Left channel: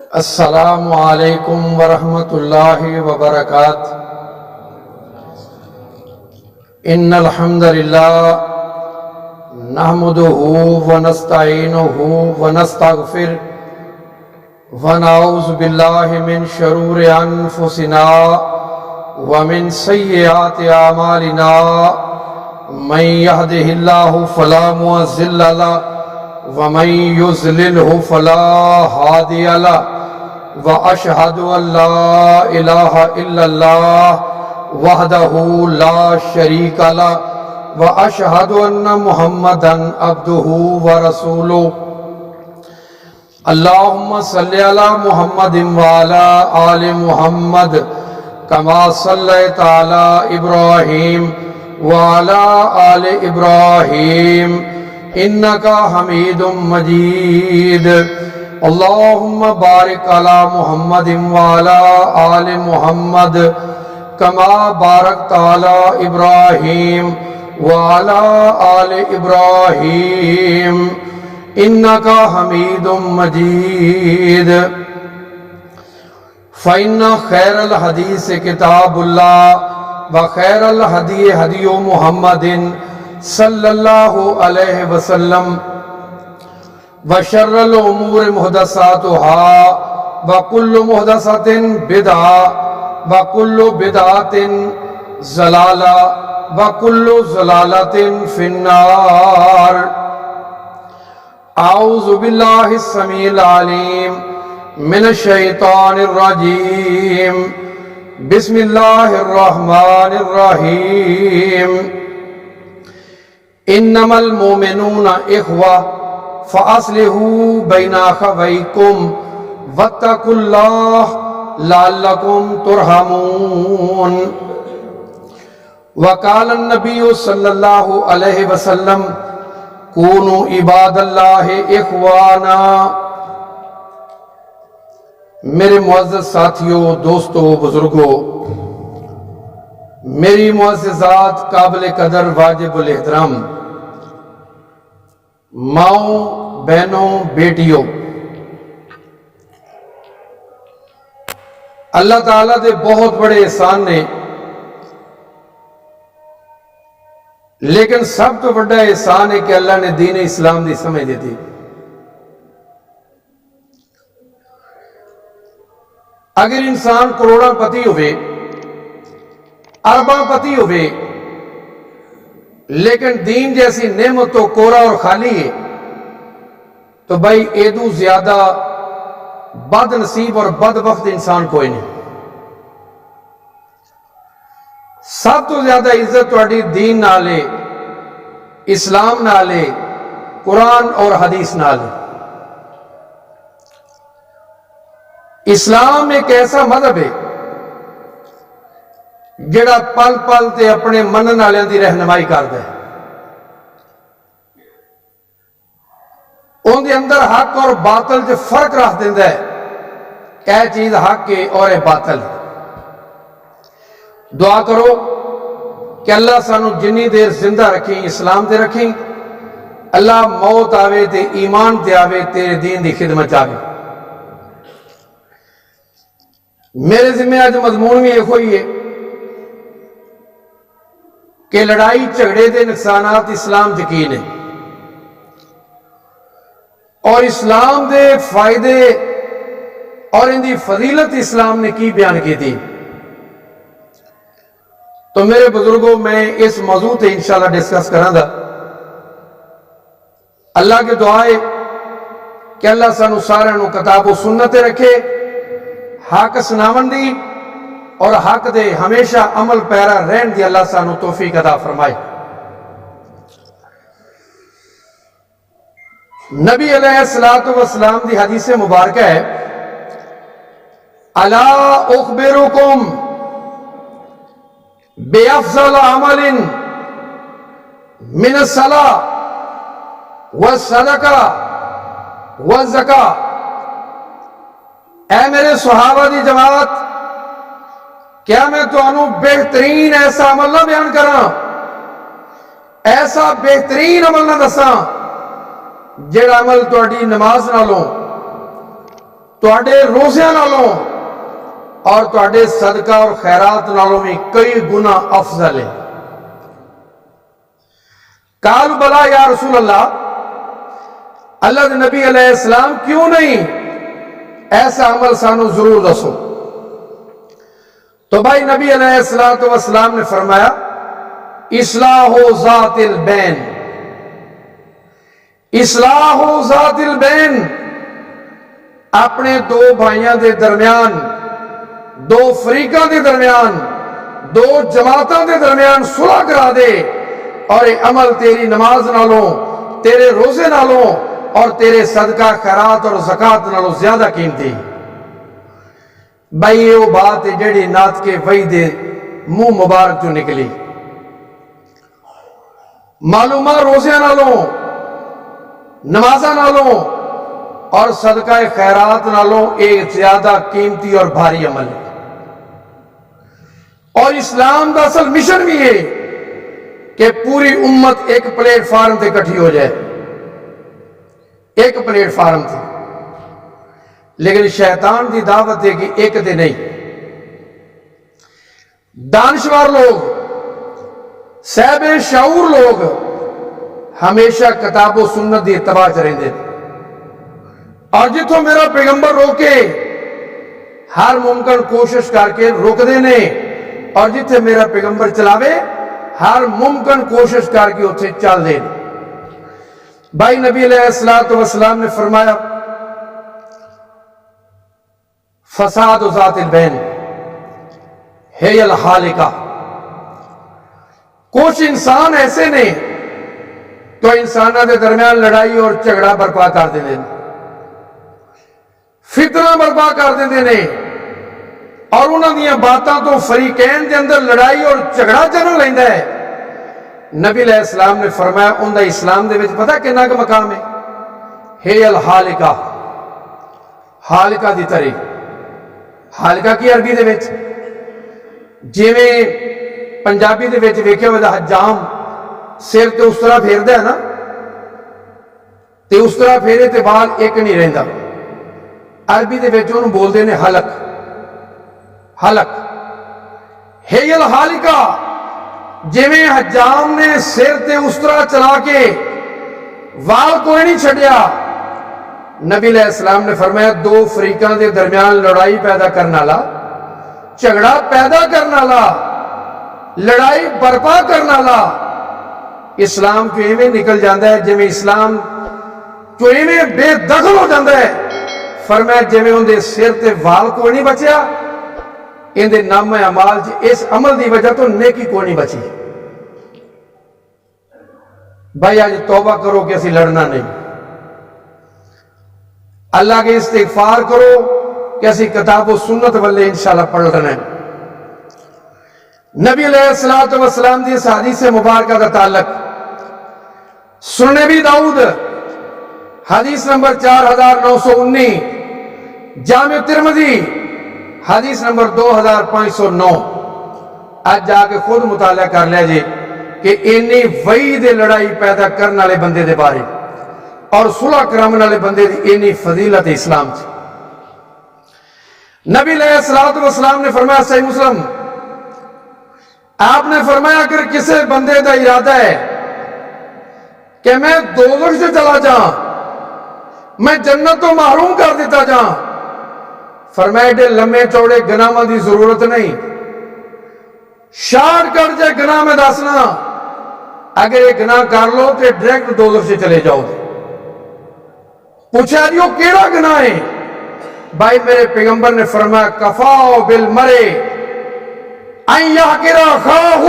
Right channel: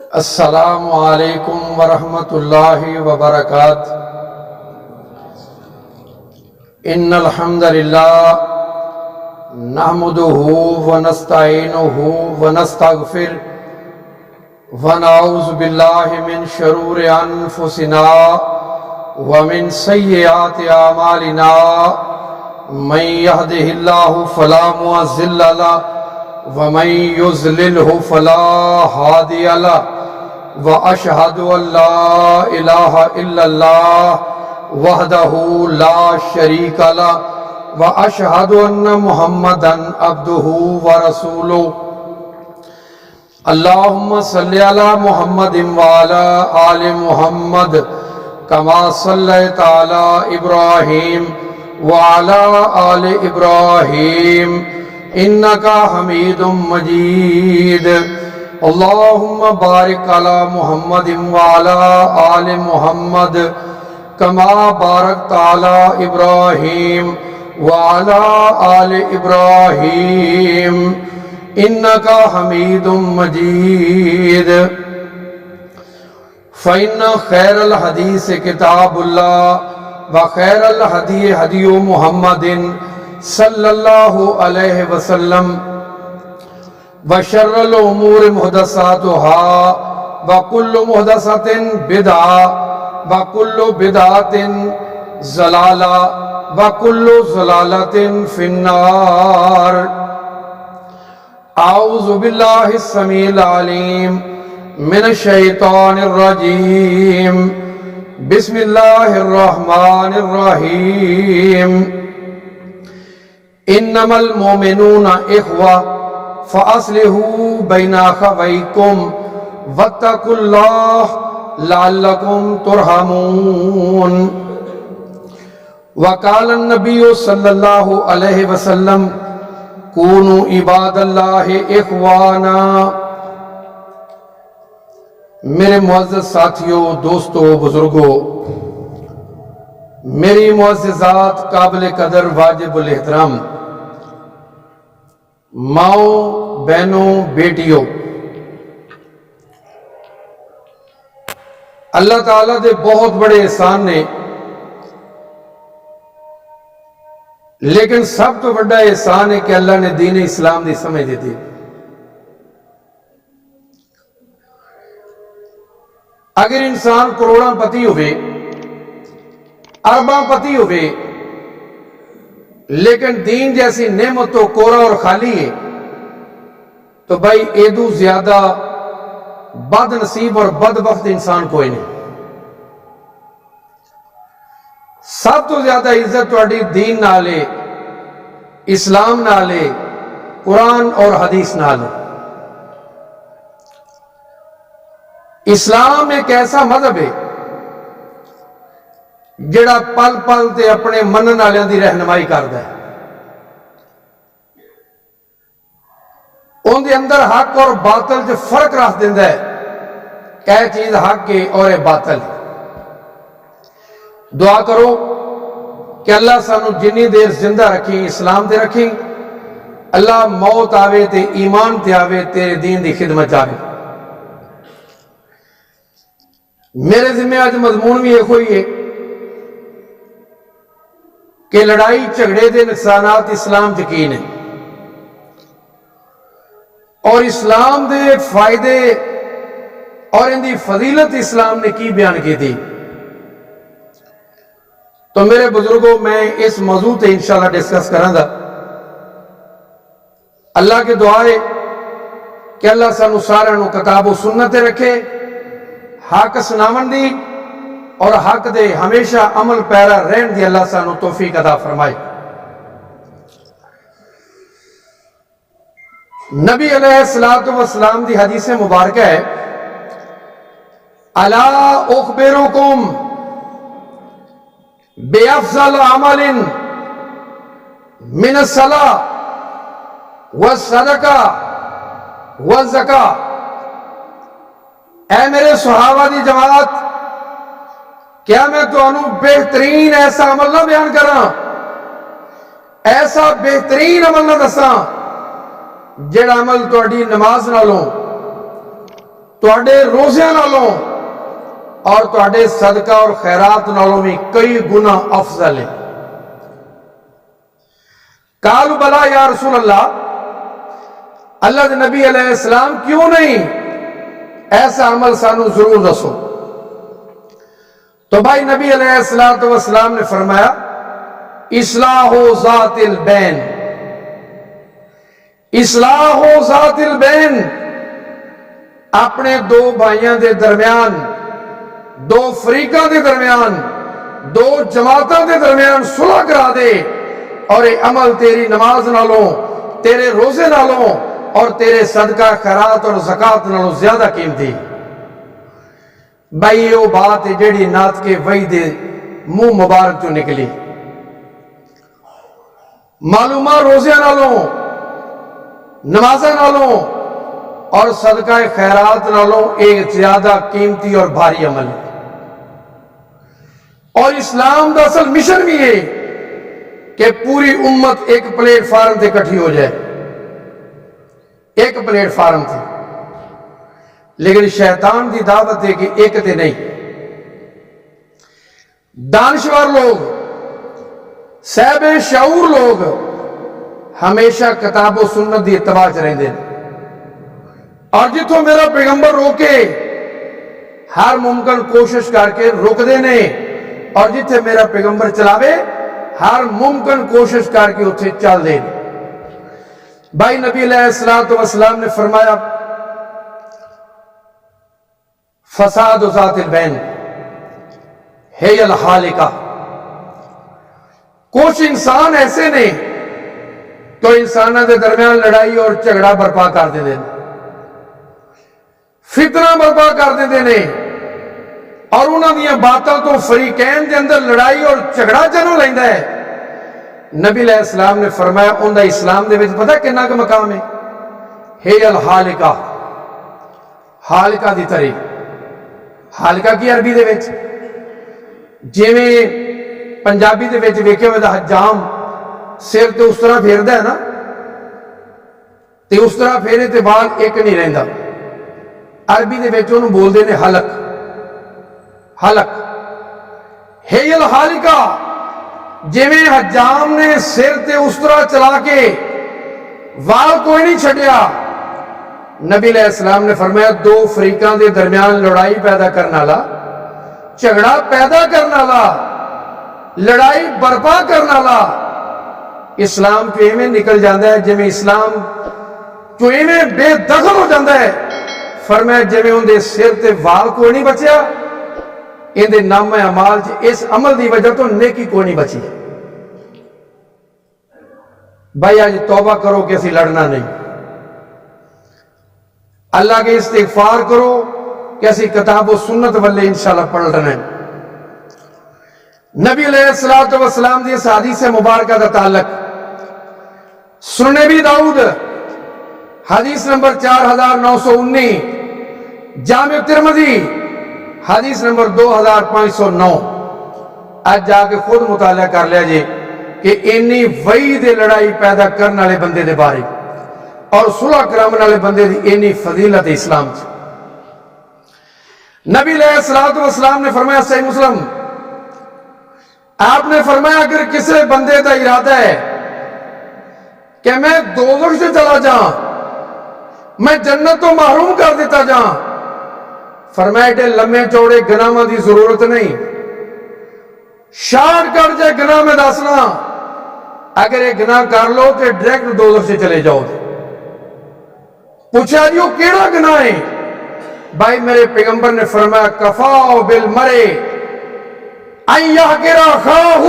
السلام علیکم ورحمۃ اللہ وبرکاتہ۔ ان الحمد للہ نحمده ونستعینه ونستغفر ونعوذ باللہ من شرور انفسنا ومن سیئات اعمالنا من يهده الله فلا مضل له ومن يضلله فلا هادي له وأشهد أن لا إله إلا الله وحده لا شريك له وأشهد أن محمدا عبده ورسوله اللهم صل على محمد وعلى آل محمد كما صليت على إبراهيم وعلى آل إبراهيم إنك حميد مجيد اللهم بارك على محمد وعلى آل محمد كما باركت على إبراهيم وعلى آل إبراهيم إنك حميد مجيد فإن خير الحديث كتاب الله وخير الهدي هدي محمد صلی اللہ علیہ وسلم وشر الامور محدثاتها وکل محدثۃ بدعہ وکل بدعۃ ضلالہ وکل ضلالۃ فی النار۔ اعوذ باللہ السمیع العلیم من الشیطان الرجیم بسم اللہ الرحمن الرحیم انما المؤمنون اخوہ فاصلحوا بین اخویکم واتقوا اللہ لعلکم ترحمون۔ وقال النبی صلی اللہ علیہ وسلم کونوا عباد اللہ اخوانا۔ میرے معزز ساتھیوں، دوستوں، بزرگوں، میری معززات، قابل قدر، واجب الاحترام ماؤں، بہنوں، بیٹیوں، اللہ تعالیٰ دے بہت بڑے احسان نے، لیکن سب تو بڑا احسان ہے کہ اللہ نے دین اسلام دی سمجھ دیتی۔ اگر انسان کروڑاں پتی ہوئے، ارباں پتی ہوئے، لیکن دین جیسی نعمت تو کورا اور خالی ہے، تو بھائی ایدو زیادہ بد نصیب اور بدبخت انسان کوئی نہیں۔ سب تو زیادہ عزت تہاڈی دین نال ہے، اسلام نال ہے، قرآن اور حدیث نال ہے۔ اسلام ایک ایسا مذہب ہے جڑا پل پل تے اپنے منن والوں دی رہنمائی کردا ہے۔ ان دے اندر حق اور باطل چ فرق رکھ دیندا ہے کہ یہ چیز حق ہے اور یہ باطل ہے۔ دعا کرو کہ اللہ سانو جنی دیر زندہ رکھیں اسلام تے رکھیں، اللہ موت آوے تے ایمان تے آوے، تیرے دین دی خدمت آوے۔ میرے ذمہ آج مضمون بھی ایک ہوئی ہے کہ لڑائی جھگڑے دے نقصانات اسلام یقین ہے، اور اسلام دے فائدے اور ان دی فضیلت اسلام نے کی بیان کی تھی۔ تو میرے بزرگوں، میں اس موضوع تے انشاءاللہ ڈسکس کراں گا۔ اللہ کے دعائے کہ اللہ سانو سارے نو کتاب و سنت رکھے، حق سناون دی اور حق دے ہمیشہ عمل پیرا رہن دی اللہ سانو توفیق عطا فرمائے۔ نبی علیہ الصلوۃ والسلام دی حدیث مبارکہ ہے، الا اخبرکم بافضل عمل من الصلاۃ والصدقہ والزکاۃ۔ اے میرے صحابہ دی جماعت، کیا میں تانوں بہترین ایسا عمل نہ بیان کراں، ایسا بہترین عمل نہ دساں جڑا عمل تہاڈی نماز نالوں، ਤੁਹਾਡੇ ਰੋਜ਼ਿਆਂ ਨਾਲੋਂ اور ਤੁਹਾਡੇ صدقہ اور خیرات نالوں میں کئی گنا افضل ہے۔ قالوا بلا یا رسول اللہ، اللہ دے نبی علیہ السلام کیوں نہیں، ایسا عمل سانو ضرور دسو۔ تو بھائی نبی علیہ السلام نے فرمایا اصلاح ذات البین، اصلاح ذات البین، اپنے دو بھائیاں دے درمیان، دو فریقاں دے درمیان، دو جماعتاں دے درمیان صلح کرا دے، اور یہ عمل تیری نماز نالوں، تیرے روزے نالوں اور تیرے صدقہ خیرات اور زکات نالوں زیادہ قیمتی۔ بھائی یہ وہ بات ہے جیڑی نات کے وحی دے منہ مبارک جو نکلی۔ معلومہ روزے نالوں، نمازہ نالوں اور صدقہ خیرات نالوں ایک زیادہ قیمتی اور بھاری عمل ہے۔ اور اسلام دا اصل مشن بھی ہے کہ پوری امت ایک پلیٹ فارم تے کٹھی ہو جائے، ایک پلیٹ فارم تے، لیکن شیطان دی دعوت ہے کہ ایک تے نہیں۔ دانشور لوگ، صاحب شعور لوگ ہمیشہ کتاب و سنت دی اتباع چ رہندے ہیں، اور جتوں میرا پیغمبر روکے ہر ممکن کوشش کر کے روک دینے، اور جتھے میرا پیغمبر چلاوے ہر ممکن کوشش کر کے اتھے چل دے۔ بھائی نبی علیہ السلام نے فرمایا فساد ذات البین ہے الحالکہ، کچھ انسان ایسے نے تو انسانوں کے درمیان لڑائی اور جھگڑا برپا کر دے دیں، فتنہ برپا کر دے دیں، اور انہوں نے باتاں تو فریقین دے اندر لڑائی اور جھگڑا جنم لیندہ ہے۔ نبی علیہ السلام نے فرمایا ان دا اسلام دے وچ پتہ کنا کا مقام ہے الحالکہ، حالکہ دی طریق۔ حالکہ کی عربی دے وچ جویں پنجابی دے وچ ویکھیا ہوئے دا حجام سر تے اس طرح پھیردا ہے نا، تے اس طرح پھیرے تے بال ایک نہیں رہندا، عربی دے وچ انہوں بول دے نے حلق، حلق ہے الحالکہ۔ جویں حجام نے سر تے اس طرح چلا کے وال کوئی نہیں چھڑیا، نبی علیہ السلام نے فرمایا دو فریقاں دے درمیان لڑائی پیدا کرنا لا، جھگڑا پیدا کرنا لا، لڑائی برپا کرنا لا، اسلام جو ایویں نکل جاندہ ہے جویں اسلام جو ایویں بے دخل ہو جاندہ ہے۔ فرمایا جویں ان دے سر تے وال کوئی نہیں بچیا، ان دے نام اعمال اس عمل دی وجہ تو نیکی کوئی نہیں بچی۔ بھائی آج توبہ کرو کہ اسی لڑنا نہیں، اللہ کے استغفار کرو کہ اسی کتاب و سنت والے انشاءاللہ پڑھ رہے ہیں۔ نبی علیہ السلام دی اس حدیث مبارکہ دا تعلق سنن ابی داؤد حدیث نمبر 4919، جامع ترمذی حدیث نمبر 2509۔ آج جا کے خود مطالعہ کر لیا جی کہ اینی وحی دے لڑائی پیدا کرنے والے بندے دے بارے اور صلح کرامن والے بندے دی اینی فضیلت اسلام چ۔ نبی علیہ السلام نے فرمایا صحیح مسلم، آپ نے فرمایا اگر کسی بندے دا ارادہ ہے کہ میں دوزخ سے چلا جاؤں، میں جنت تو محروم کر دیتا جاؤں، فرمایا ایڈے لمے چوڑے گناہاں دی ضرورت نہیں، شارٹ کٹ جائے گناہ میں دسنا، اگر یہ گناہ کر لو تو ڈائریکٹ دوزخ سے چلے جاؤ۔ پوچھا جی وہ کیڑا گناہ ہے؟ بھائی میرے پیغمبر نے فرمایا کفاؤ بالمرء ان یحقر اخاہ،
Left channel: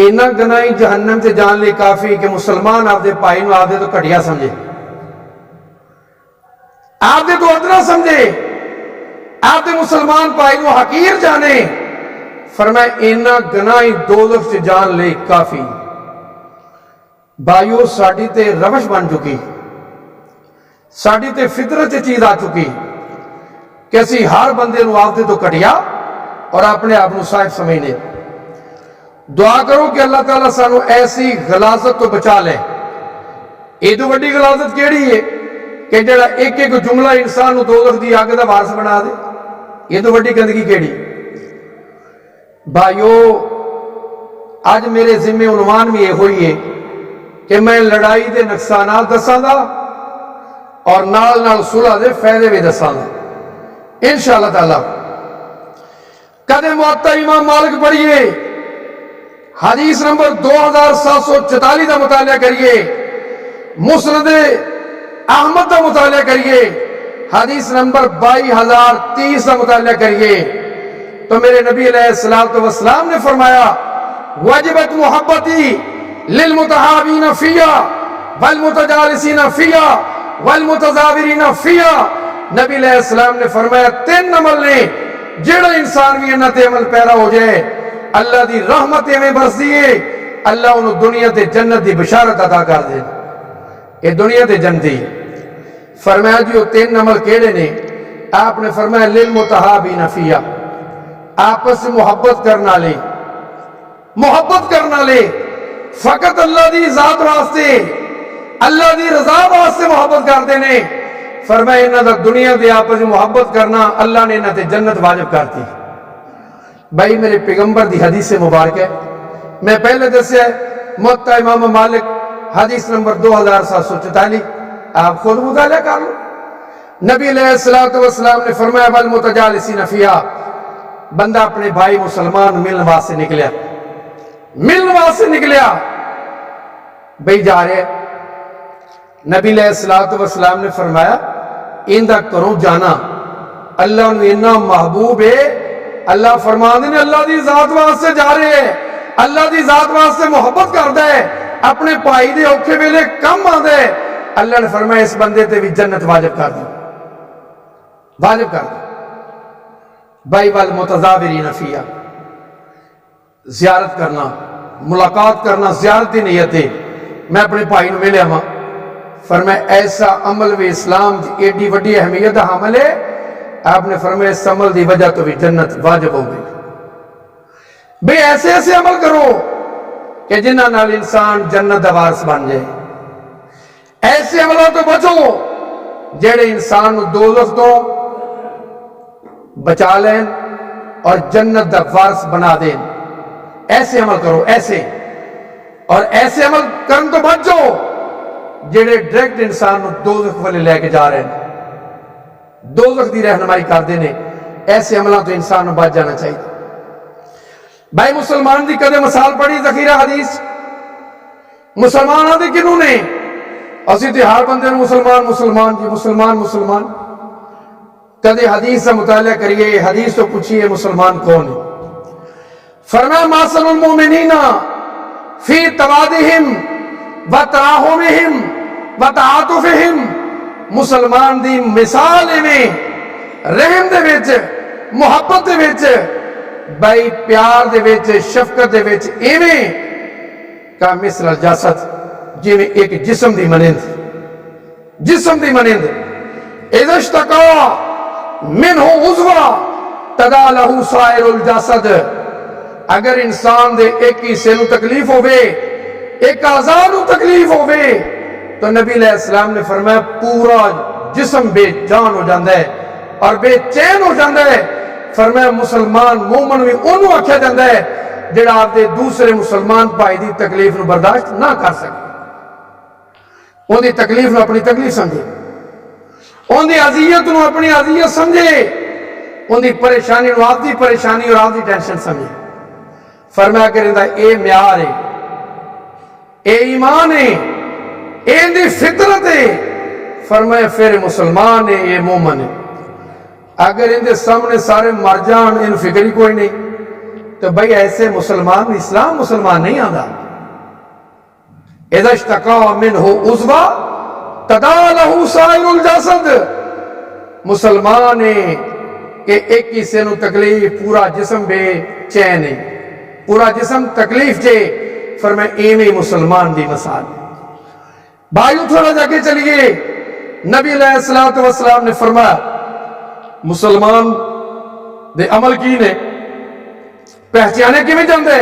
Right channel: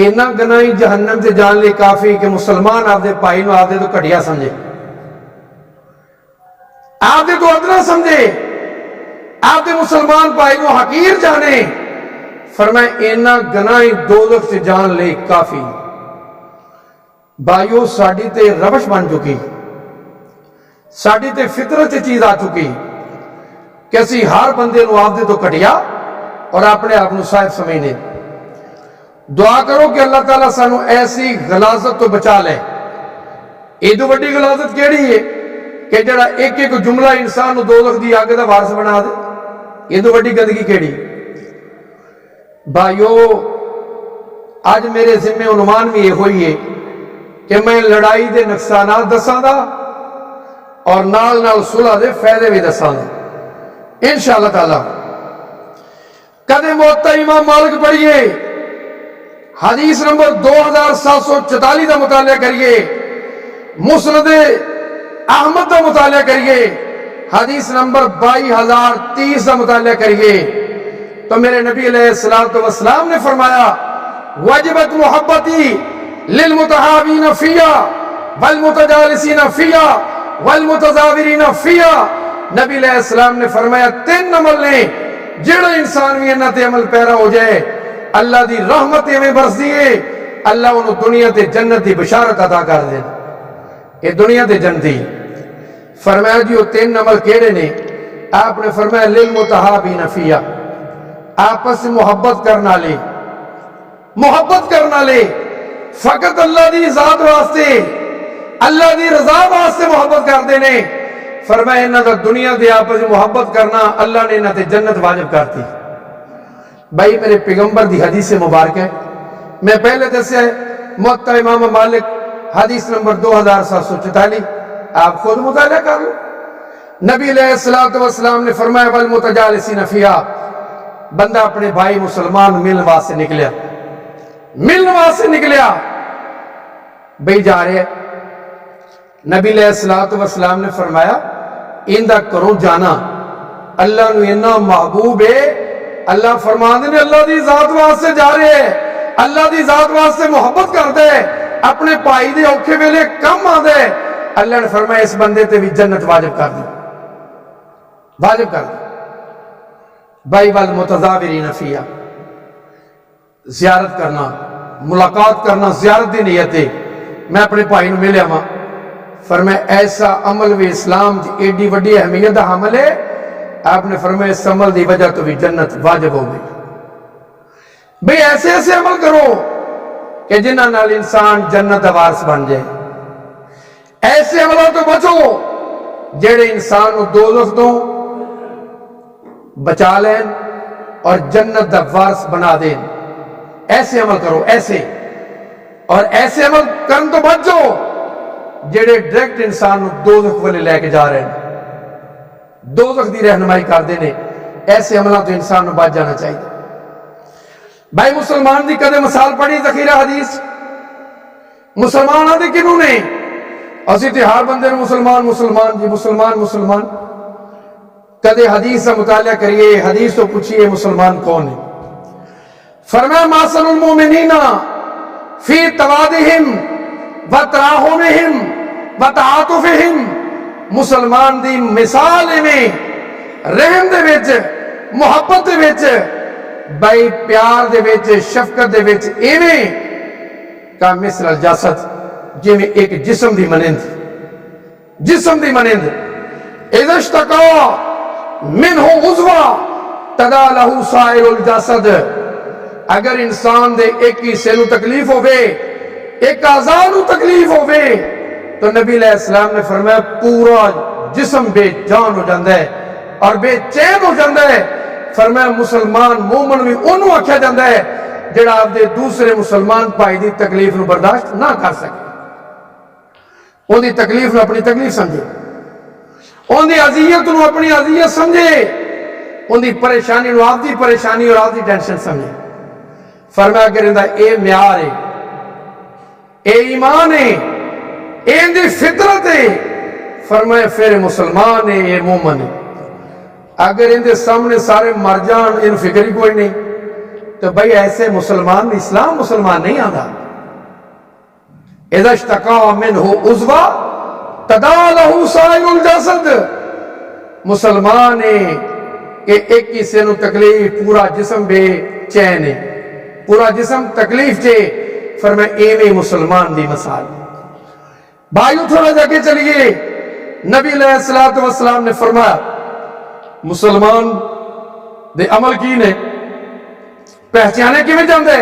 اینا گناہ جہنم سے جان لے کافی کہ مسلمان آپ دے پائی نو آپ دے تو کٹیا سمجھے، آپ دے تو ادنا سمجھے، آپ دے مسلمان پائی نو حقیر جانے۔ فرمایا اینا گناہ دوزخ سے جان لے کافی۔ بھائیو ساڑی تے روش بن چکی، ساڑی تے فطرت چیز آ چکی کہ اسی ہر بندے نو آپ دے تو کٹیا اور اپنے آپ نو صاحب سمجھنے۔ دعا کرو کہ اللہ تعالیٰ سانو ایسی غلاظت تو بچا لے۔ ایدو بڑی غلاظت کیڑی ہے کہ جڑا ایک ایک جملہ انسان نو دوزخ دی اگ دا وارث بنا دے، یہ تو وڈی گندگی کیڑی؟ بھائیو آج میرے ذمے عنوان بھی یہ ہوئی ہے کہ میں لڑائی دے نقصانات دساں دا اور نال نال صلح دے فائدے بھی دساں دا انشاءاللہ تعالی۔ کدے موطا امام مالک پڑھیے، حدیث نمبر 2744 دا مطالعہ کریے، مسند احمد دا مطالعہ کریے، حدیث نمبر 22030 دا مطالعہ کریے، تو میرے نبی علیہ السلام نے فرمایا وجبت محبتی للمتحابین فیا والمتجالسین فیا والمتزاورین فیا۔ نبی علیہ السلام نے فرمایا 3 عمل نے جڑا انسان بھی انہاں تے عمل پیرا ہو جائے اللہ دی رحمت میں برس دیے، اللہ انہوں دنیا تے جنت دی بشارت عطا کر دے، یہ دنیا تے جنتی۔ فرمایا جی وہ 3 عمل کیڑے نے؟ آپ نے فرمایا للمتحابین فیا، آپس سے محبت کرنا لے، محبت کرنا لے فقط اللہ دی ذات واسطے، اللہ دی رضا واسطے محبت کر دینے۔ فرمایا انہاں دا دنیا دے آپس سے محبت کرنا اللہ نے انہاں تے جنت واجب کرتی۔ بھائی میرے پیغمبر دی حدیث مبارک ہے، میں پہلے دسیا ہے موطا امام مالک حدیث نمبر 2744، آپ خود مطالعہ کر لو۔ نبی علیہ السلام نے فرمایا والمتجالسین فیہا، بندہ اپنے بھائی مسلمان ملن واسطے نکلیا، ملن واسطے نکلیا، بھئی جا رہے نبی علیہ السلام نے فرمایا اندہ کرو جانا اللہ نے انہا محبوب ہے، اللہ فرمان دینے اللہ دی ذات واسطے جا رہے ہیں، اللہ دی ذات واسطے محبت کر دے، اپنے پائی دے اوکھے ویلے کم آ دے، اللہ نے فرمایا اس بندے تے بھی جنت واجب کر دی، واجب کر دی۔ بھائی والمتزاورین فیہا، زیارت کرنا، ملاقات کرنا، زیارت دی نیت ہے، میں اپنے بھائی نو ملیا ماں، فرمایا ایسا عمل بھی اسلام دی ایڈی وڈی اہمیت دا عمل ہے، آپ نے فرمایا اس عمل دی وجہ تو بھی جنت واجب ہو گئی۔ بھئی ایسے ایسے عمل کرو کہ جنہ نال انسان جنت دا وارث بن جائے، ایسے عملوں تو بچو جڑے انسان نو دوزخ تو بچا لین اور جنت دا وارث بنا دین، ایسے عمل کرو، ایسے، اور ایسے عمل کرن تو بچ جاؤ جڑے ڈائریکٹ انسان نو دوزخ والے لے کے جا رہے ہیں، دوزخ دی رہنمائی کر دینے، ایسے عملوں تو انسان نو بچ جانا چاہیے۔ بھائی مسلمان دی کدے مثال پڑھی ذخیرہ حدیث؟ مسلمان آدھے کنوں نے؟ اسی تے ہر بندے نے مسلمان مسلمان جی مسلمان مسلمان، کدے حدیث سے مطالعہ کریے، حدیث تو پوچھئے مسلمان کون ہے؟ فرمایا ماسل المومنین فی توادہم و تراحمہم و تعاطفہم، مسلمان دی مثال میں رحم دے وچ، محبت دے وچ، بھائی پیار دے وچ، شفقت دے وچ ایویں کا مثل الجسد، جی میں ایک جسم دی منند، جسم دی منند، اذا اشتقا منہ عضوا تدا لہو سائر الجسد، اگر انسان دے ایک حصے نو تکلیف ہوئے، ایک اعضاء نو تکلیف ہوئے، تو نبی علیہ السلام نے فرمایا پورا جسم بے جان ہو جاندہ ہے اور بے چین ہو جاندہ ہے۔ فرمایا مسلمان مومن بھی انہوں آکھیا جاندہ ہے جڑا آپ دے دوسرے مسلمان پائی دی تکلیف نو برداشت نہ کر سکے، ان دی تکلیف نو اپنی تکلیف سمجھے، ان دی عذیت نو اپنی عذیت سمجھے، ان دی پریشانی نو آپ دی پریشانی اور آپ دی ٹینشن سمجھے۔ فرمایا اگر اندہ اے معیار ہے، اے ایمان ہے، اے اندی فطرت ہے، فرمایا پھر مسلمان ہے، یہ مومن ہے۔ اگر اندے سامنے سارے مر جان، ان فکری کوئی نہیں، تو بھئی ایسے مسلمان اسلام مسلمان نہیں آدھا۔ اذا اشتقا منہ عضوا تدا لہو سائر الجسد، مسلمان ہے کہ ایک حصے نو تکلیف، پورا جسم بے چین ہے، پورا جسم تکلیف چے، فرمایا ایویں مسلمان دی مثال۔ بھائیو تھوڑا جا کے چلیے، نبی علیہ السلام نے فرمایا مسلمان دے عمل کی نے پہچانے کی میں جاندے؟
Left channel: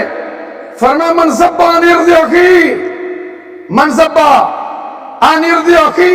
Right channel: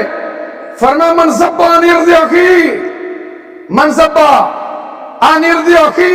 فرمایا من زبا عن ارض اخی، من زبا عن ارض اخی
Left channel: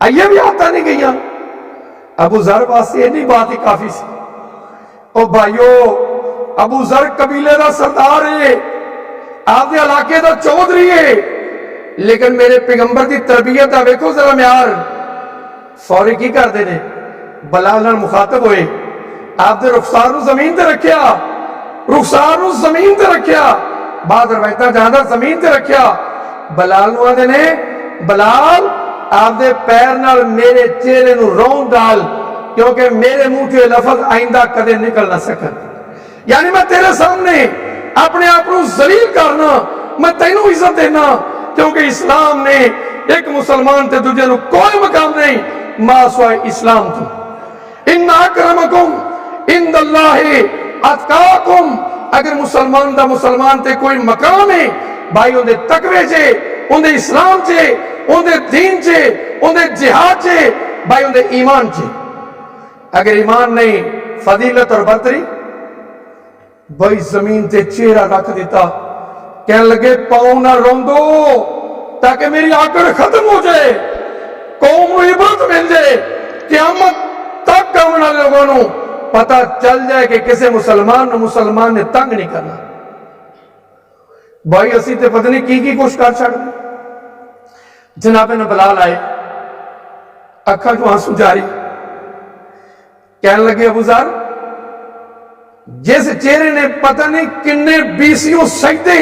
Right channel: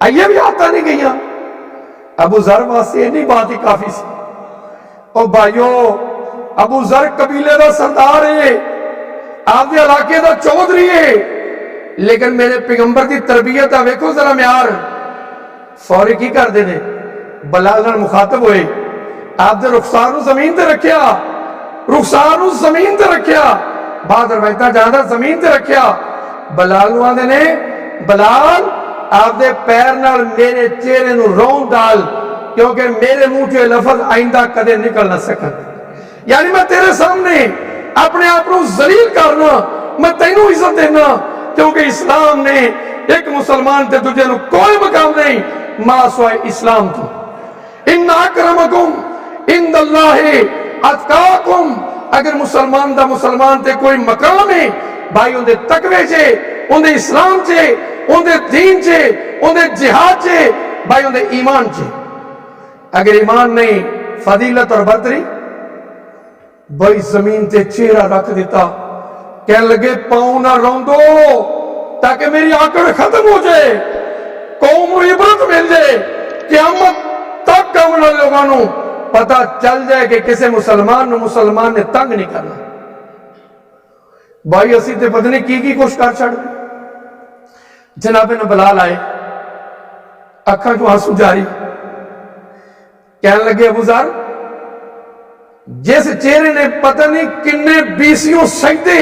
آئیے بھی آتا نہیں گئیاں. ابو ذر واسطے نہیں بات ہی کافی سی. او بھائیو ابو ذر قبیلے دا سردار ہے, آپ دے علاقے دا چودھری ہے, لیکن میرے پیغمبر دی تربیت دا ویکھو ذرا معیار. فوری کی کر دینے بلال نال مخاطب ہوئے, آپ دے رخسار نو زمین تے رکھیا, رخسار نو زمین تے رکھیا, بعد روایتاں جہاں دا زمین تے رکھیا. بلال نو آندے نے بلال آپ دے پیر نال میرے چہرے نو رون ڈال, کیونکہ میرے منہ چ لفظ آئندہ کدے نکل نہ سکن. یعنی میں تیرے سامنے اپنے آپ کو ذلیل کرنا, میں تینوں عزت دینا, کیونکہ اسلام نے ایک مسلمان تے دوجے نو کوئی مقام نہیں ما سوائے اسلام تو. ان اکرمکم عند اللہ اتقاکم, اگر مسلمان دا مسلمان تے کوئی مقام ہے بھائی اون دے تقوی چے, اون دے اسلام چے, اون دے دین چے, اون دے جہاد چے, بھائی اون دے ایمان چے. اگر ایمان نہیں فضیلت اور برتری. بھائی زمین تے چہرہ رکھ دیتا, کہنے لگے پاؤں نہ روندو تاکہ میری آکڑ ختم ہو جائے, قوم نو عبرت مل جائے, قیامت تک آنے والے لوگوں نو پتہ چل جائے کہ کسے مسلمان نے تنگ نہیں کرنا. بھائی اسی تے پتہ نہیں کی کوشش کر چھڑ دیں. جناب نے بلال آئے, اکھاں جو آنسو جاری, کہنے لگے ابو ذر جس چہرے نے پتہ نہیں کنے بیسیوں سجدے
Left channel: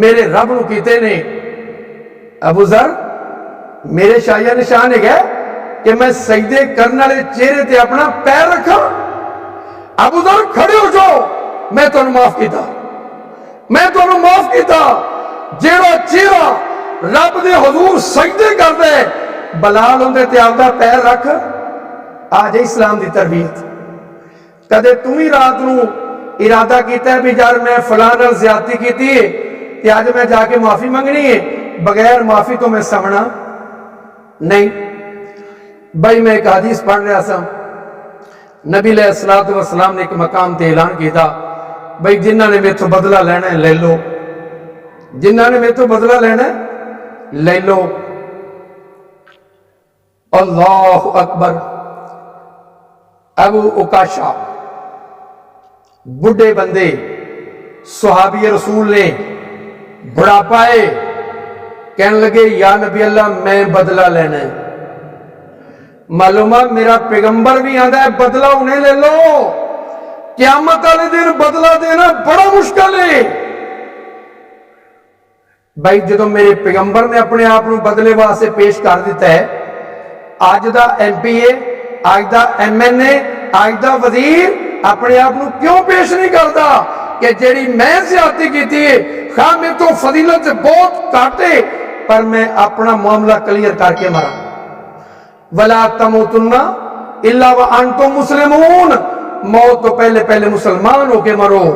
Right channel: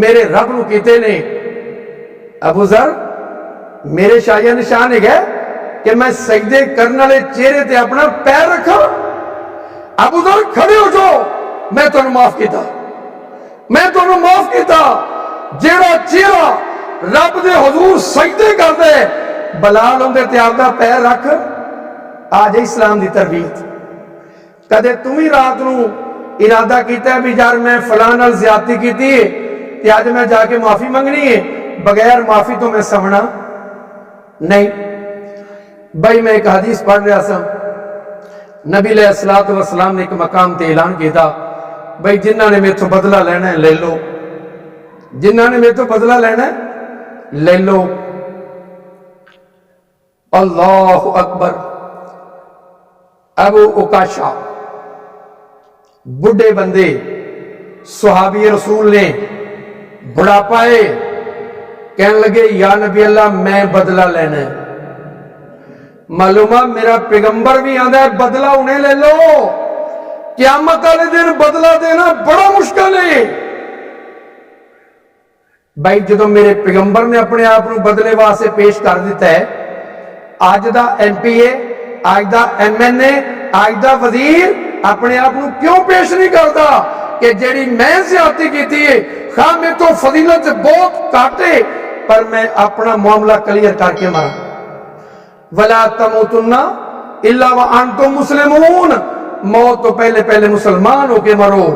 میرے رب نو کیتے نے, ابو ذر میرے شاہیہ نشان ہے گئے کہ میں سجدے کرنے والے چہرے تے اپنا پیر رکھا. ابو ذر کھڑے ہو جاؤ, میں تمہیں معاف کیتا, میں تمہیں معاف کیتا. جیڑا چہرہ رب دے حضور سجدے کر دے, بلال ہوندے تے آپ دا پیر رکھ. آج اسلام دی تربیت. کدے تم ہی رات نو ارادہ کیتا ہے بھی یار میں فلاں نال زیادتی کیتی ہے تے اج میں جا کے معافی منگنی ہے, بغیر معافی تو میں سمنا نہیں. بھائی میں ایک حدیث پڑھ رہا سا, نبی علیہ الصلوۃ والسلام نے ایک مقام تے اعلان کیتا, بھائی جنہ نے میرے تو بدلہ لینا ہے لے لو, جنہ نے میرے تو بدلہ لینا ہے لے لو. اللہ اکبر. ابو عکاشہ بڑھے بندے صحابی رسول نے بڑھاپا ہے, کہنے لگے یا نبی اللہ میں بدلہ لینا ہے. معلومہ میرا پیغمبر بھی آندا ہے بدلہ انہیں لے لو, قیامت والے دن بدلہ دینا بڑا مشکل ہے. بھائی جدو میرے پیغمبر نے اپنے آپ کو بدلے واسطے پیش کر دیتا ہے, آج دا ایم پی اے, آج دا ایم این اے, آج دا وزیر اپنے آپ کو کیوں پیش نہیں کرتا کہ جیڑی میں زیادتی کیتی ہے خواہ میں تو فضیلت سے بہت کاٹے پر میں اپنا معاملہ کلیئر کر کے مرا. وَلَا تَمُوتُنَّ إِلَّا وَأَنْتُمْ مُسْلِمُونَ, موت تو پہلے مسلمان ہو کے مرو,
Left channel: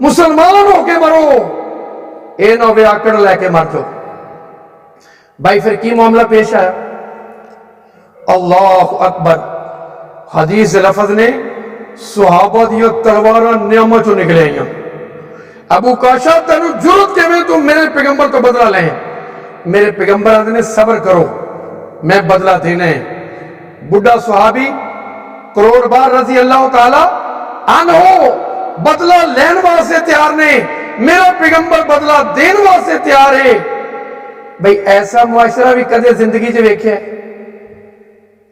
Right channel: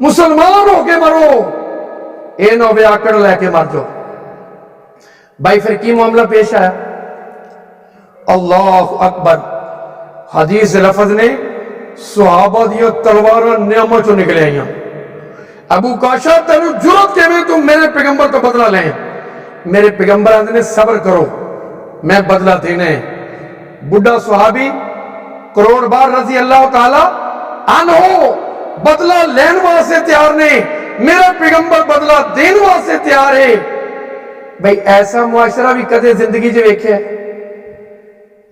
مسلمان ہو کے مرو, اے نو بے آکڑ لے کے مر جاؤ. بھائی پھر کی معاملہ پیش آیا؟ اللہ اکبر. حدیث لفظ نے صحابہ دیا تلواراں نعمت چوں نکلے آئیاں. ابو کاشا تینو جرت کے میں تو میرے پیغمبر تو بدلہ لیں. میرے پیغمبر آدھے نے صبر کرو میں بدلہ دینا ہے. بڑھا صحابی کروڑ بار رضی اللہ تعالی عنہ بدلہ لین واسطے تیار نے, میرا پیغمبر بدلہ دین واسطے تیار ہے. بھئی ایسا معاشرہ بھی کدے زندگی جو ویکھے ہے؟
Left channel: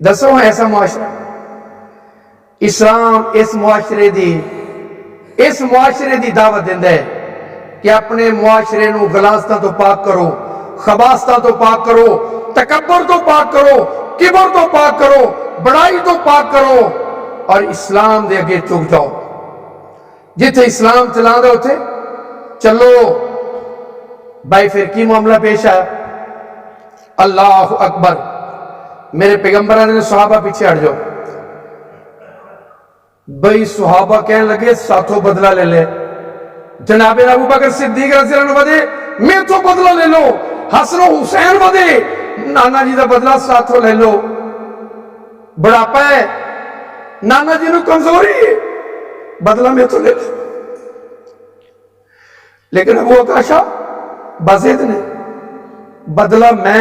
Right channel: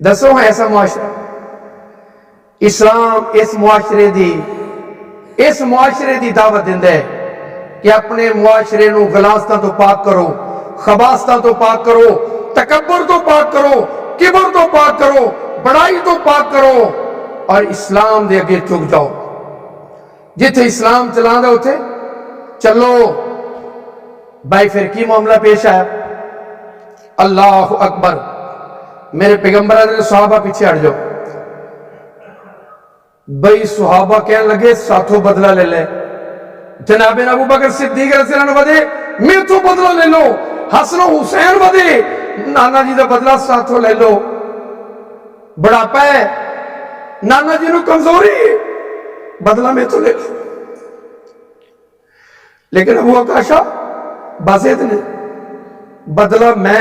دسو ایسا معاشرہ. اسلام اس معاشرے دی دعوت دیندہ ہے کہ اپنے معاشرے نو غلاظتاں تو پاک کرو, خباثتاں تو پاک کرو, تکبر تو پاک کرو, کبر تو پاک کرو, بڑائی تو پاک کرو, اور اسلام دے اگے چک جاؤ. جتھے اسلام چلاندہ ہوتے چلو. بھائی پھر کی معاملہ پیش ہے؟ اللہ اکبر. میرے پیغمبر نے صحابہ پیچھے ہٹ جاؤ. بھئی صحابہ کہنے لگے ساتھوں بدلہ لے لے. جناب ابو بکر صدیق رضی اللہ عنہ بدے میں تو بدلہ لے لو, حسن و حسین بدے نانا جی دا بدلہ ساتھوں لے لو. بڑھاپا ہے, نانا جی نو کمزوری ہے, بدلہ میں تو لے لو. لیکن ابو عکاشہ بزید نے بدلہ میں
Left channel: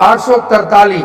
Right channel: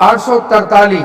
843।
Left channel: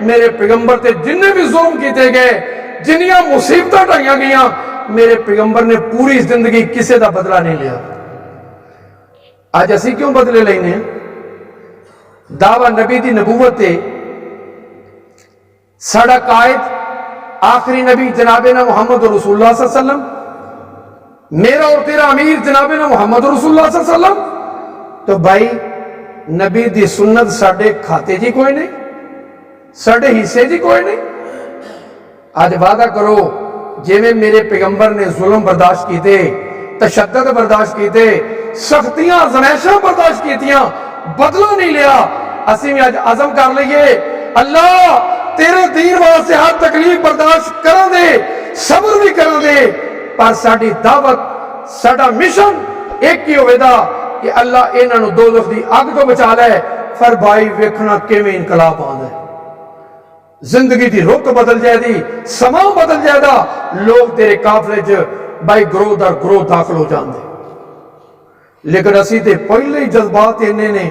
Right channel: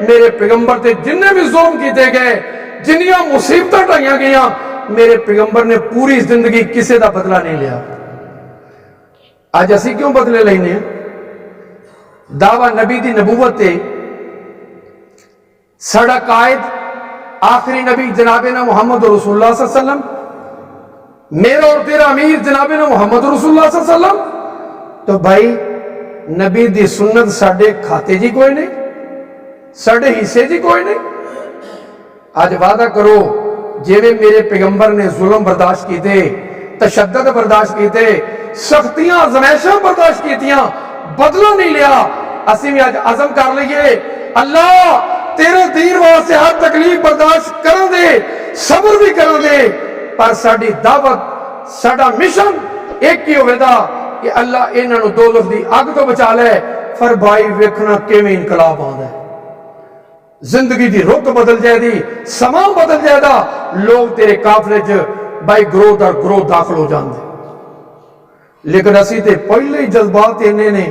میرے پیغمبر تے جننے بھی ظلم کیتے گئے جنیاں مصیبتیں ڈھائیاں گئیاں میرے پیغمبر نے پوری زندگی کسے دا بدلہ نہیں لیا. آج اسی کیوں بدلے لینے ہیں؟ دعویٰ نبی دی نبوت تے ساڑا قائد آخری نبی جنابنا محمد رسول اللہ صلی اللہ علیہ وسلم، میرا اور تیرا امیر جنابنا محمد رسول اللہ صلی اللہ علیہ وسلم. تو بھائی نبی دی سنت ساڑے کھاتے جی کوئی نہیں، ساڑے حصے جی کوئی نہیں. آج وعدہ کرو جے میں میرے پیغمبر نے ظلم برداشت کیتے، تشدد برداشت کیتے، سختیاں زمائشاں برداشت کیتیاں، بدلہ نہیں لیا. اسی میں آج عزم کر لئیے اللہ تیرے دین واسطے ہر تکلیف برداشت کرا دے، صبر بھی کرا دے، پر ساڑی دعوت ساڑا مشن ایک ہی ہوئے دا کہ اللہ انہاں نو دوزخ دی اگ تو بچا لے. پر بھائی ویکھنا کیویں انقلاب آندا ہے، زندگی دی رخ بدل جائے دی، سما بدل جائے دا، لوگ تیرے قافلے چ بھائی گروہ در گروہ داخل ہو جاندے. لیکن اسی تے پہلے ہی جذبات انہیں نے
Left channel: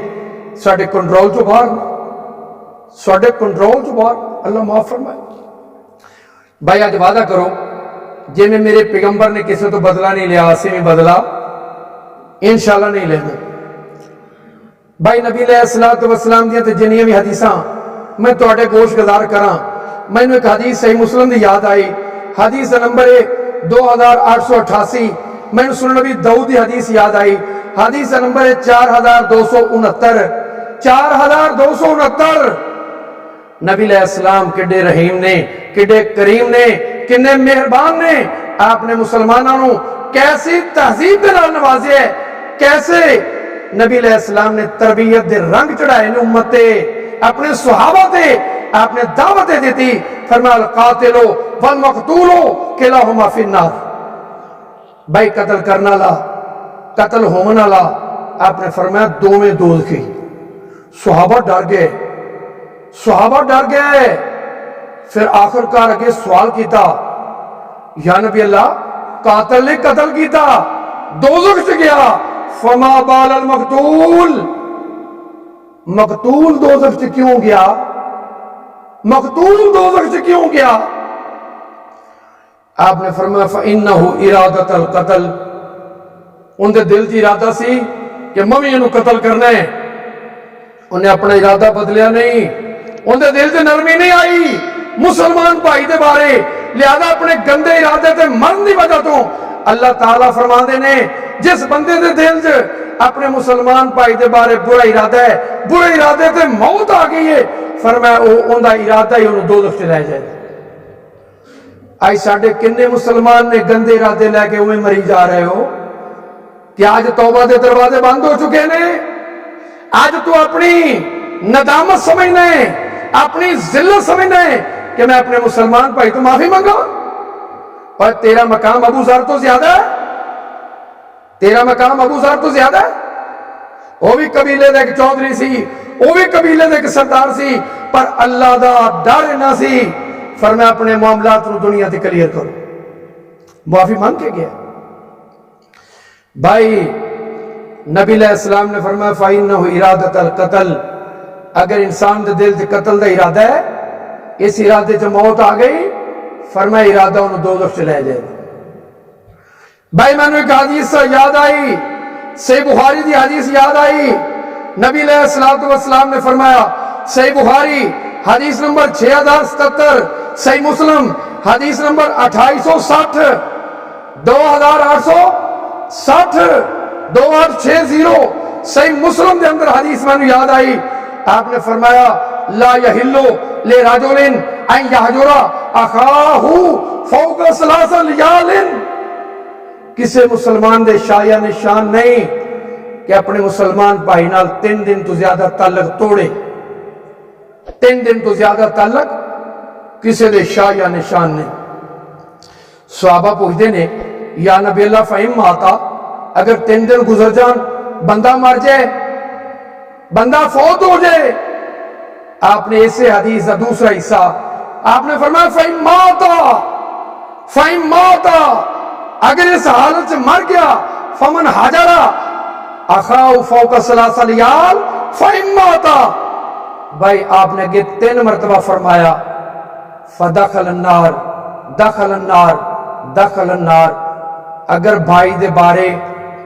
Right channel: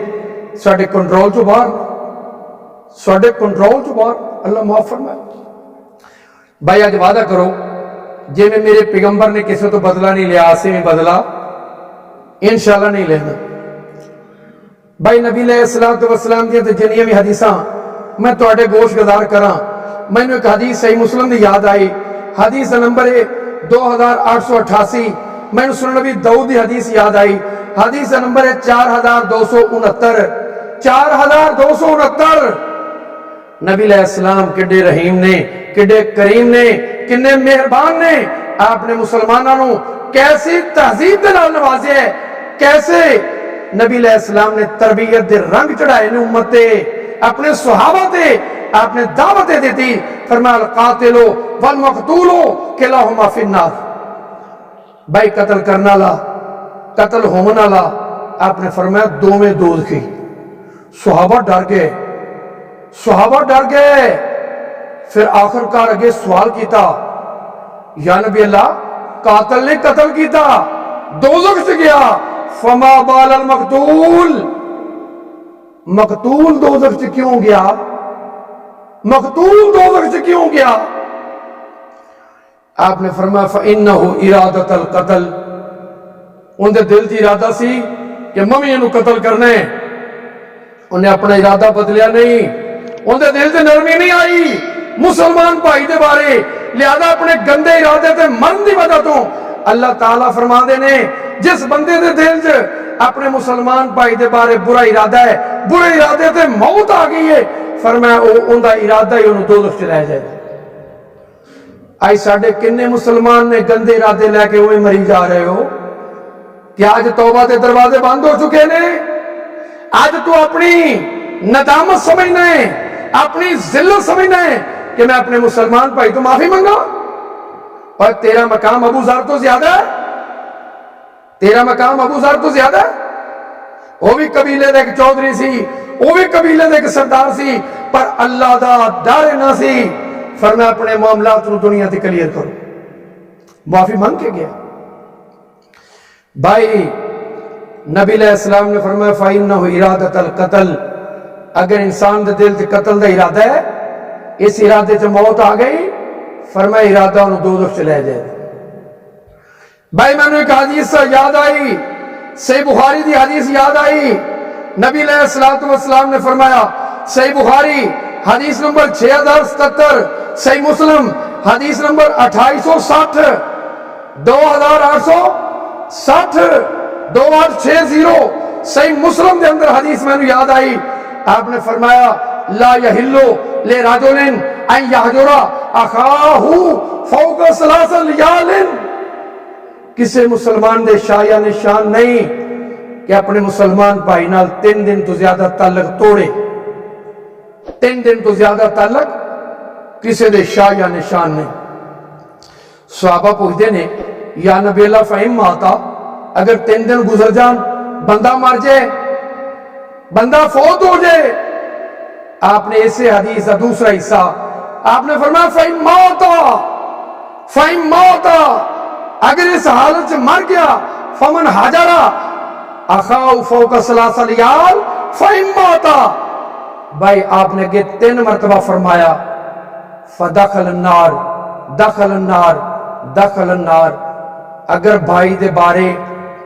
ساڑے کنٹرول چو باہر، ساڑے کنٹرول چو باہر. اللہ معاف فرمائے. بھائی آج وعدہ کرو جے میں میرے پیغمبر نے کسی تو بدلہ نہیں لیا، اسی میں بدلہ انشاءاللہ نہیں لینا. بھائی نبی علیہ السلام دیاں تے جنیاں بھی حدیثاں میں توڑے گوش گزار کراں. میں نے ایک حدیث صحیح مسلم دی یاد آئی، حدیث نمبر 2888. میں نے سنن نبی داؤد دی حدیث یاد آئی، حدیث نمبر 4269. 4269. نبی علیہ السلام کڈے رحیم نے، کڈے کریم نے، کنے مہربان نے. آپ نے مسلمانوں کیسی تہذیب دے نال نوازے ہے، کیسے نبی علیہ السلام نے تربیت دے رنگ چڑھائے نے امت تے، اپنے صحابہ تے آپ نے دعوتیں دیتی. فرمایا القاتل والمقتول کلاہما فی النار. بھائی قتل کرنا لا قتل ہونا لا آپ نے فرمایا دو میں دوزخی. صحابہ ڈر گئے، صحابہ ڈر گئے. پھر آخر کار اگے سوال کیتا، یا نبی اللہ قاتل نے قتل کیتا دوزخ سے گیا، فما بال المقتول، مقتول دوزخ سے کیوں گیا؟ مقتول دوزخ سے کیوں گیا؟ آپ نے فرمایا فَإِنَّهُ إِرَادَةَ الْقَتَلِ، ان دے دل کی ارادہ سی کہ ممی انہوں قتل کرنا ہے. انہیں اپنا ارادہ بدلیا نہیں، ان دے دل سے نرمی نہیں آئی مسلمان بھائی دے بارے، لہذا اپنے گندے ارادے تے مرن دی وجہ تو اللہ تعالیٰ فرما دے نے جس بندے دے دل سے اپنے مسلمان بھائی دے بارے برا ارادہ ہے، برے ارادے تے موت آ گئی ہے، فرمایا ان دا ارادہ ہی انہوں دوزخ چ رہ جائے. آئی ساڑھے کنے مسلمان نے گندے ارادے لے کے ہوئے مری جا رہے ہو کہ آج توبہ دے دروازے بند ہو چکے نے. آج تو اپنی ندامت سمجھنا ہے، اپنی ذلت سمجھنا ہے کہ میں اپنے مسلمان بھائی تو معافی منگا. اور تیرا مقام ابو ذر تو زیادہ ہے، تیرا مقام ابو ذر تو زیادہ ہے. وہ بھی قبیلے دے ایک چودھری سی، وہ بھی قبیلے دے ایک سردار سی، پر اللہ دا ڈر نہ سی. فرمایا اپنے معاملات نو دنیا تے کلیئر کرو، معافی مانگ کے گیا. بھائی نبی علیہ السلام نے فرمایا فَإِنَّهُ إِرَادَةَ الْقَتَلِ، اگر انسان دے دل تے قتل دا ارادہ ہے، اس ارادے سے موت آ گئی، فرمایا ارادہ انہوں دوزخ چلے جائے. بھائی میں نے ایک حدیث یاد آئی، صحیح بخاری دی حدیث یاد آئی. نبی علیہ السلام نے فرمایا، صحیح بخاری حدیث نمبر 6077، صحیح مسلم حدیث نمبر 2860، 2860، 2860، صحیح مسلم دے اندر حدیث میں نے یاد آئی. آپ نے فرمایا لا یحلو لے رجلن ان یحجر اخاہ فوق ثلاث لیال، کسی مسلمان دے شایہ نشان نہیں کہ اپنے مسلمان بھائی نال 3 دن تو زیادہ تعلق توڑے. 3 دن تو زیادہ تعلق کسی دے شایہ نشان نہیں. صحابہ پوچھتے نے یا نبی اللہ فہم آتا، اگر 3 دن گزر جان بندہ مر جائے، بندہ فوت ہو جائے. آپ نے اسے حدیث کا دوسرا حصہ آپ نے فرمایا فہم ماتا، فہم ماتا، اگر اس حالت سے مر گیا فمن حجرا اخاؤ فوق ثلاث لیال فہم ماتا، بھائی آپ نے اگے 3 مرتبہ فرمایا فدخل النار دخل النار دخل النار. اگر بھائی دے بارے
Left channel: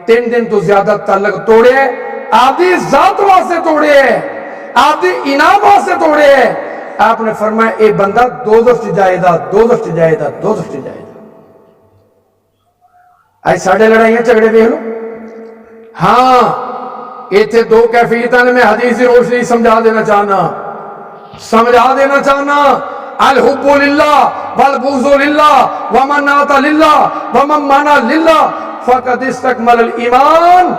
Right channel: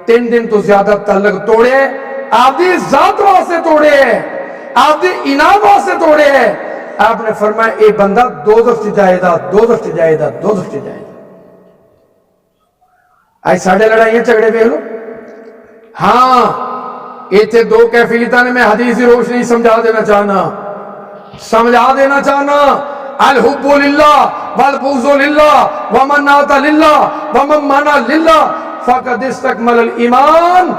3 دن تو زیادہ تعلق توڑے ہے، آپ دی ذات واسطے توڑے ہے، آپ دی انعام واسطے توڑے ہے، آپ نے فرمایا اے بندہ دوزخ چ جائے گا، دوزخ چ جائے گا، دوزخ چ جائے گا. آج ساڑھے لڑائیاں جھگڑے دیکھ لو. ہاں ایتھے 2 کیفیتاں نے، میں حدیث کی روشنی سمجھا دینا چاہنا. الحب للہ والبغض للہ ومن نات للہ ومن مانا للہ فقد استکمل الایمان.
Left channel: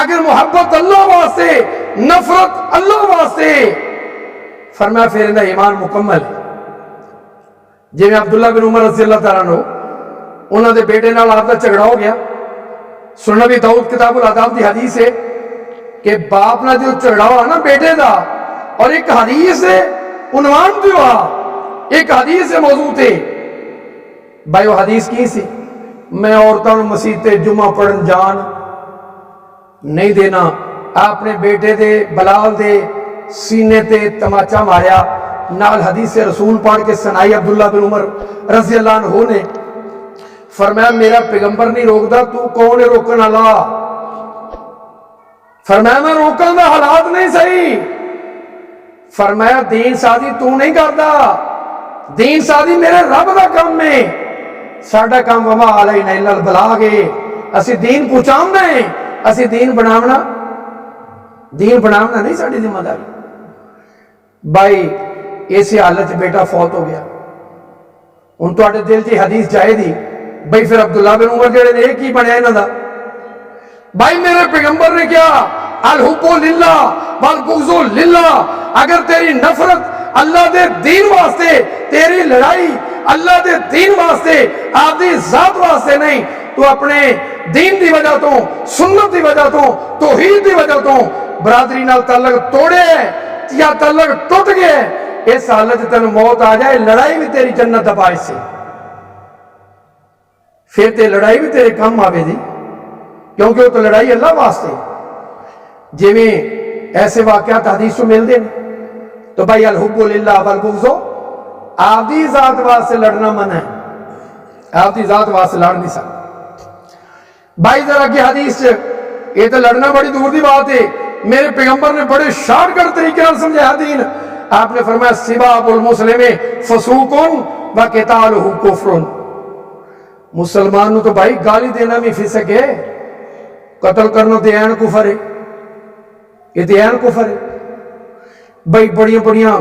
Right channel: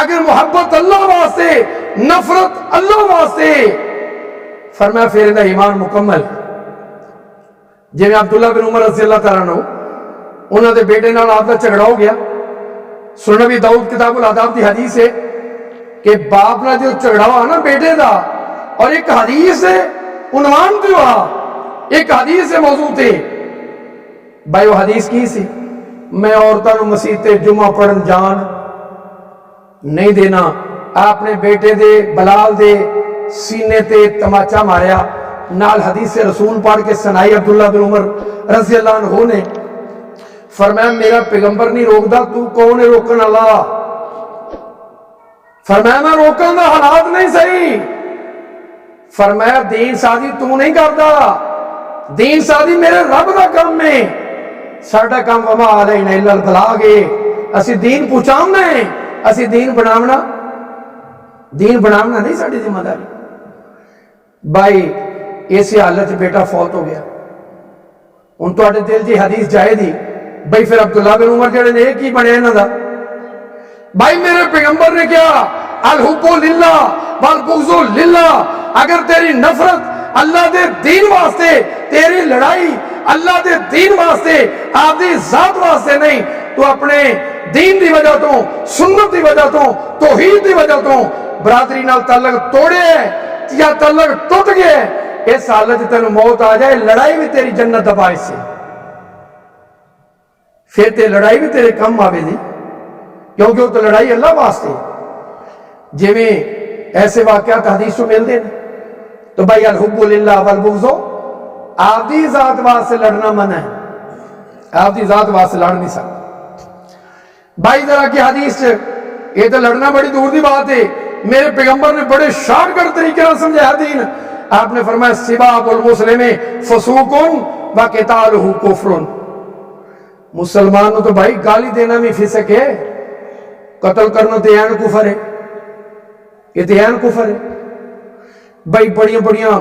اگر محبت اللہ واسطے، نفرت اللہ واسطے، فرمایا پھر اندہ ایمان مکمل. جی میں عبداللہ بن عمر رضی اللہ تعالیٰ عنہ انہوں دے بیٹے نال آپ دا جھگڑا ہو گیا. سنن نبی داؤد کتاب الاداب دی حدیث ہے کہ باپ نہ جو جھگڑا ہوا نا بیٹے دا، اور ایک حدیث ہے عنوان تے ہوا، ایک حدیث ہے موضوع تے. بھائی وہ حدیث کی سی؟ میں عورتوں نو مسجد تے جمعہ پڑھن جان نہیں دینا. آپ نے بیٹے دے بلال دے سینے تے تماچا ماریا، نال حدیث رسول پڑھ کے سنائی عبداللہ بن عمر رضی اللہ عنہ نے. فرمایا میرا پیغمبر نہیں روکدا، تو کون ہے روکن والا؟ فرمایا میں روکن دا حالات نہیں صحیح. فرمایا دین سازی تو نہیں کردا، دین سازی میرے رب دا کام ہے. ساڈا کام وما علینا الا البلاغ ہے، اسی دین پہنچاونا ہے، اسی دین بناونا نہیں ساڈی ذمہ داری. بھائی اسی حالت بیٹا فوت ہو گیا. ہن تواڈے دل جی حدیث جائے دی بھائی پھر عبداللہ بن عمر جڑے نے ایک ہی بنیا انہاں دا. بھائی میرے پیغمبر نے کیا الحب للہ والبغض للہ. اگر تیری نفرت اللہ دے دین واسطے، تیری لڑائی اللہ دے دین واسطے، آپ دی ذات واسطے نہیں، تو اپنے دین دی وجہ تو، سنت دی وجہ تو، توحید دی وجہ تو برادری نال تعلق توڑے یا تعلق ٹوٹ گیا، اس حالت تینوں موت آ جائے، لڑائی بھی تیری جنت دا باعث ہے. پھر تے لڑائی بھی تیرے کم آوے دی، کیونکہ وہ تو لڑائی اللہ واسطے. جی میں ایسے واقعات حدیث کو مل دیں تو بھائی الحب للہ والبغض، آپ دی ذات واسطے لڑنا منع ہے، آپ دی ذات واسطے لڑ نہیں سکتے. بھائی ذرا کی حدیث یہ تو لڑنا بڑی دور دی بات ہے، میرے پیغمبر نے بڑے شارٹ کٹ طریقے سے سمجھایا دین. آپ نے فرمایا سباب المسلم فسوق و قتالہ کفر. مسلمان تو بھائی گالی دینا بھی فسق ہے، قتل کرنا تو عین کفر ہے، یہ تو عین کفر ہے. بھائی بڑیاں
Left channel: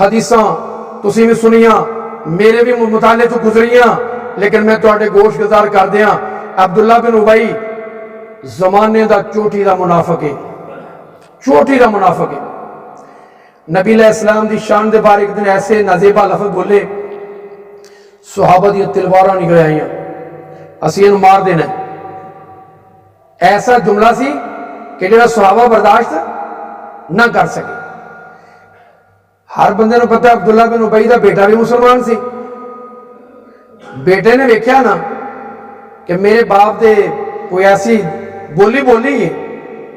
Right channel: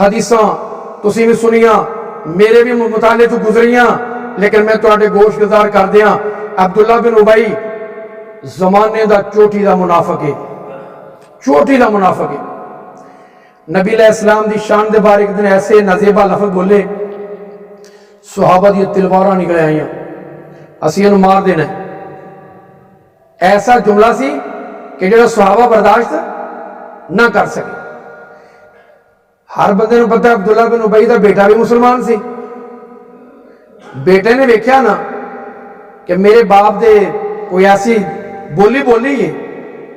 حدیثاں تسی بھی سنیاں، میرے بھی مطالعے تو گزریاں، لیکن میں تواڈے گوش گزار کر دیاں. عبداللہ بن ابی زمانے دا چوٹی دا منافق ہے، چوٹی دا منافق ہے. نبی علیہ السلام دی شان دے بارے ایک دن ایسے نازیبا لفظ بولے، صحابہ دی تلواراں نکل آئیاں، اسی انہوں مار دینا. ایسا جملہ سی کہ جڑا صحابہ برداشت نہ کر سکے. ہر بندے نے پتہ عبداللہ بن ابی دا بیٹا بھی مسلمان سی. بیٹے نے ویکھیا نا کہ میرے باپ دے کوئی ایسی بولی ہے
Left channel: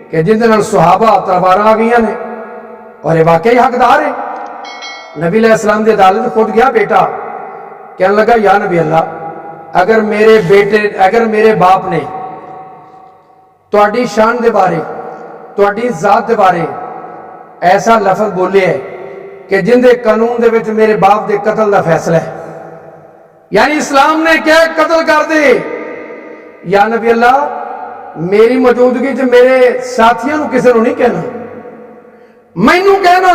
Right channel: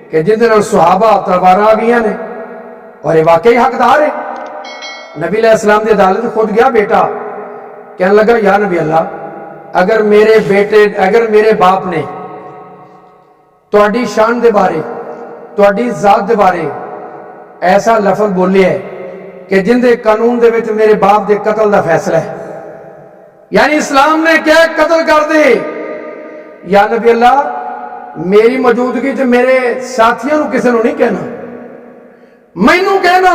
کہ جن دے نال صحابہ تلواراں آ گئیاں نے اور یہ واقعی حقدار ہے. نبی علیہ السلام دی عدالت خود گیا بیٹا، کہنے لگا یا نبی اللہ، اگر میرے باپ نے تواڈی شان دے بارے، تواڈی ذات دے بارے ایسا لفظ بولے ہے کہ جن دے قانون دے وچ میرے باپ دے قتل دا فیصلہ ہے، یعنی اسلام نے کیا قتل کر دے، یا نبی اللہ میری موجودگی چ میرے ساتھیوں نو کسے نو نہیں کہنا، مینوں کہنا،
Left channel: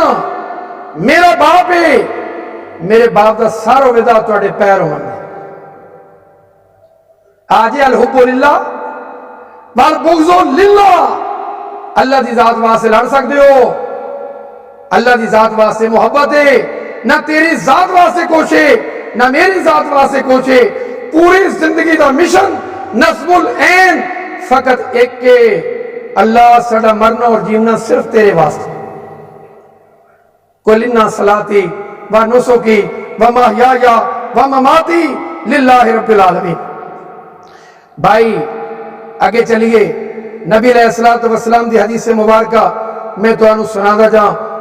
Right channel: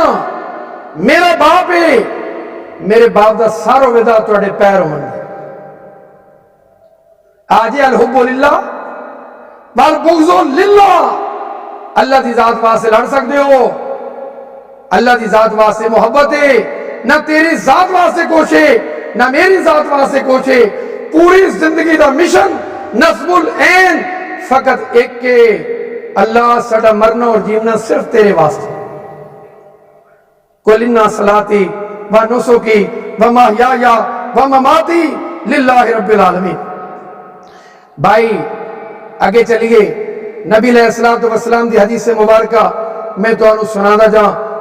میرا باپ ہے، میرے باپ دا سارا ودا تواڈے پیر ہون. آج الحب للہ والبغض للہ. اللہ دی ذات واسطے لڑ سکتے ہو، اللہ دی ذات واسطے محبت ہے، نہ تیری ذات واسطے کوشے نہ میری ذات واسطے کوشے. پوری زندگی دا مشن نصب العین فقط ایک کے، اللہ ساڈا مرنا اور جیونا صرف تیرے واسطے. قل ان صلاتی و نسکی و محیای و مماتی للہ رب العالمین. بھائی آگے چلیے، نبی علیہ السلام دی حدیث مبارکہ میں تو سنا دا جا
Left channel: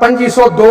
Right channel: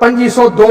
2502,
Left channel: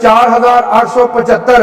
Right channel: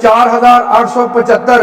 4875,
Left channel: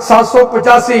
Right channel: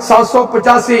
785,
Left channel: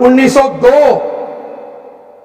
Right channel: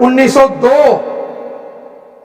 1902।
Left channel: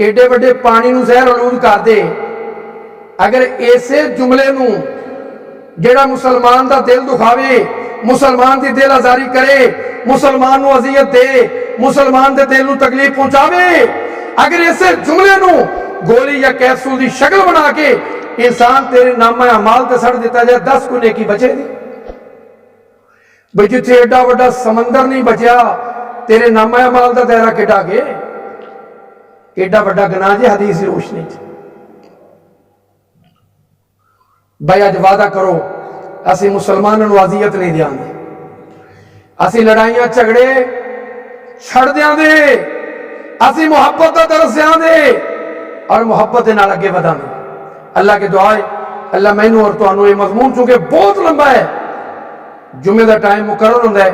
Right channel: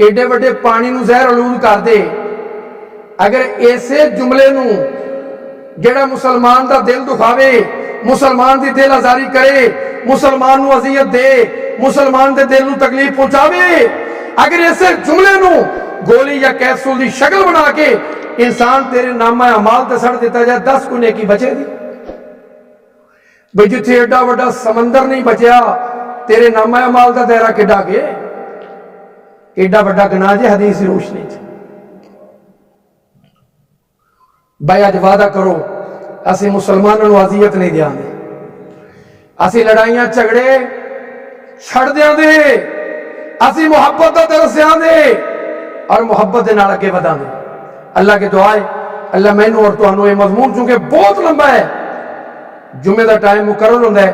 ایڈے وڈے پانی نو زہر آلود کر دے، اگر ایسے جملے نو جڑا مسلمان دا دل دکھاوے، مسلمان دی دل آزاری کرے، مسلمان نو اذیت دے، مسلمان دے دل نو تکلیف پہنچاوے، اگر ایسے جملے نو گولی یا کیپسول دی شکل بنا کے انسان تیرے نامہ اعمال تے سڑ دیتا جائے، 10 کو نیکی بچے دی۔ بھئی جتھے ایڈا وڈا سمندر نہیں بچیا، تیرے نامہ اعمال دا دائرہ کڈا گے؟ ایڈا وڈا گناہ جے حدیث دی روشنی چ۔ بھائی اج وعدہ کرو اسی مسلمانوں نو اذیت نہیں دیاں دے، اسی لڑائیاں جھگڑے چھڑ دیاں دے، اسی محبت دا درس دیاں دے اور محبت دے نال اگے وداں دے۔ اللہ کے دعا ہے اللہ مینوں اور تانوں یہ مضمون چونکہ بہت لمبا ہے، جمعے دا ٹائم مقرر ہوندا ہے،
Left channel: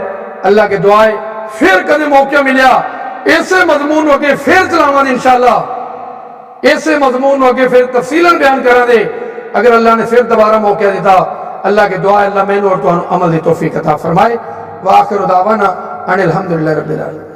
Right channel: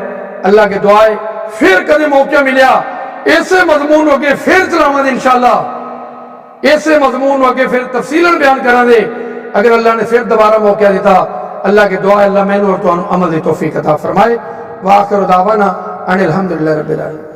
اللہ کے دعا ہے پھر کدے موقع ملیا ایسے مضمون اگے پھر چلاواں دے انشاءاللہ، ایسے مضمون اگے پھر تفصیلاً بیان کراں دے اگر اللہ نے پھر دوبارہ موقع دیتا۔ اللہ کے دعا ہے اللہ مینوں اور تانوں عمل دی توفیق عطا فرمائے۔ وآخر دعوانا ان الحمدللہ رب العالمین۔